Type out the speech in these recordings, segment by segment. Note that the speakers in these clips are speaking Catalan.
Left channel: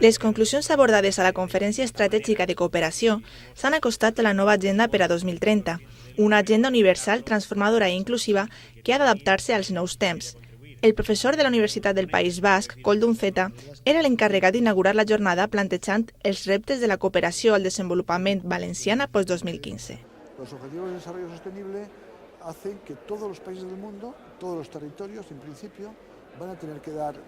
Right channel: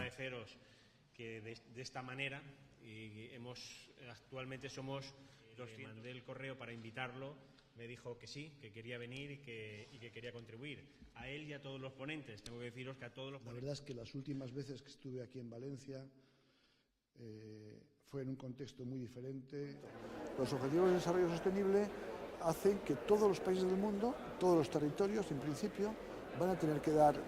Les conclusions abordades a la Conferència Estratègica de Cooperació s'han acostat a la nova agenda per a 2030, una agenda universal, transformadora i inclusiva que ha d'adaptar-se als nous temps. El professor de la Universitat del País Basc, Koldo Unceta, era l'encarregat d'inaugurar la jornada plantejant els reptes de la cooperació al desenvolupament valenciana post-2015. Los Objetivos de Desarrollo Sostenible hacen que todos los países del mundo, todos los territorios, en principio, van a tener que dar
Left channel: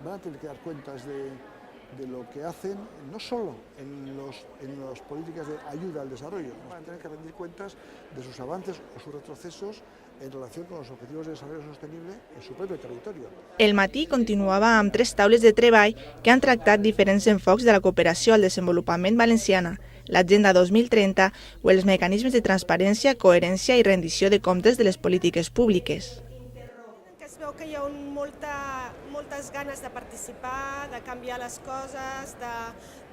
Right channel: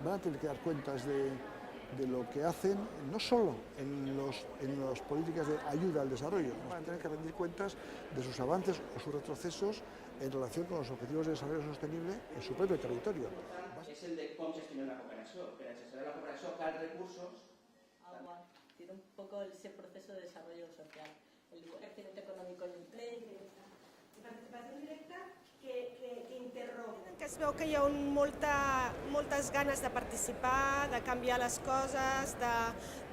cuentas de lo que hacen, no solo en las políticas de ayuda al desarrollo, van a tener que rendir cuentas de sus avances o sus retrocesos en relación con los Objetivos de Desarrollo Sostenible en su propio territorio. El matí continuava amb 3 taules de treball que han tractat diferents enfocs de la cooperació al desenvolupament valenciana, l'Agenda 2030 o els mecanismes de transparència, coherència i rendició de comptes de les polítiques públiques. Es veu que hi ha moltes ganes de participar, de canviar les coses,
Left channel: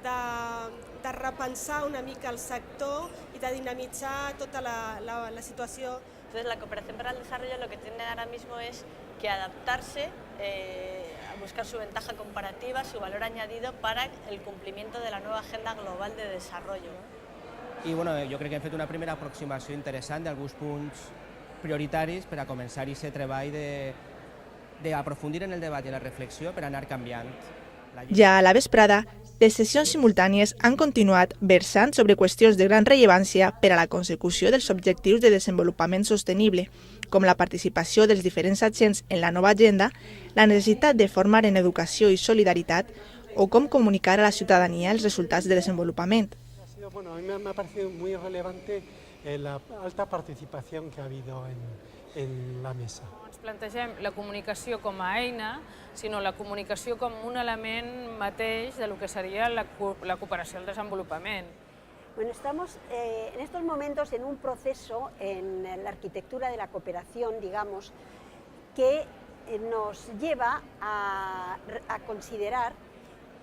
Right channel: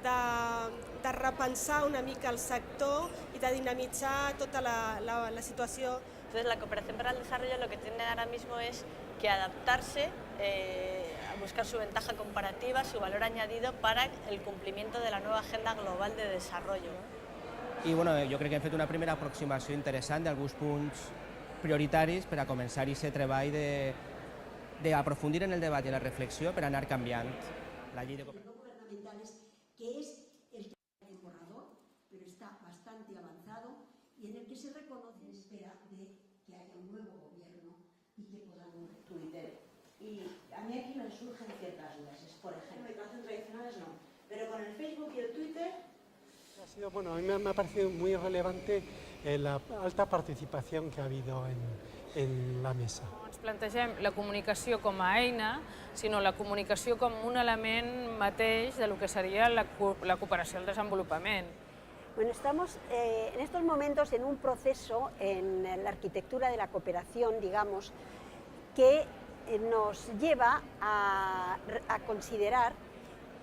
de repensar una mica el sector i de dinamitzar tota la situació. Entonces, la cooperación para el desarrollo lo que tiene ahora mismo es que adaptarse, a buscar su ventaja comparativa, su valor añadido para el cumplimiento de la nueva Agenda Global de Desarrollo. I bueno, jo crec que hem fet una primera aproximació interessant d'alguns punts prioritaris per a començar aquest treball d'aprofundir en el debat i la reflexió per anar canviant. Ja a la vesprada, les sessions simultànies han continuat versant sobre qüestions de gran rellevància per a la consecució dels objectius de desenvolupament sostenible, com la participació dels diferents agents en la nova agenda, la necessitat de formar en educació i solidaritat o com comunicar a la ciutadania els resultats de desenvolupament. Bueno, a mí me ha parecido muy relevante la alta participación que ha habido en la mesa. No ens plantegem la comunicació com a eina, sinó la comunicació com un element mateix de lo que seria la cooperació al desenvolupament. Bueno, estamos en estos momentos en un proceso en la arquitectura de la cooperación, digamos, que nos lleva a considerar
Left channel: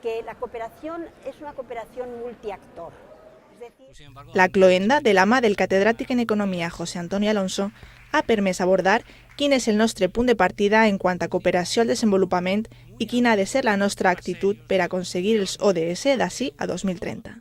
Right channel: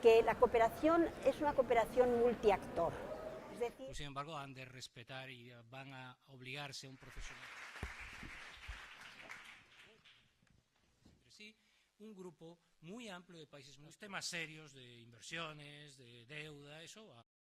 que la cooperación es una cooperación multiactor. La cloenda de la mà del catedràtic en Economia José Antonio Alonso ha permès abordar quin és el nostre punt de partida en quant a cooperació al desenvolupament i quina ha de ser la nostra actitud per aconseguir els ODS d'ací a 2030.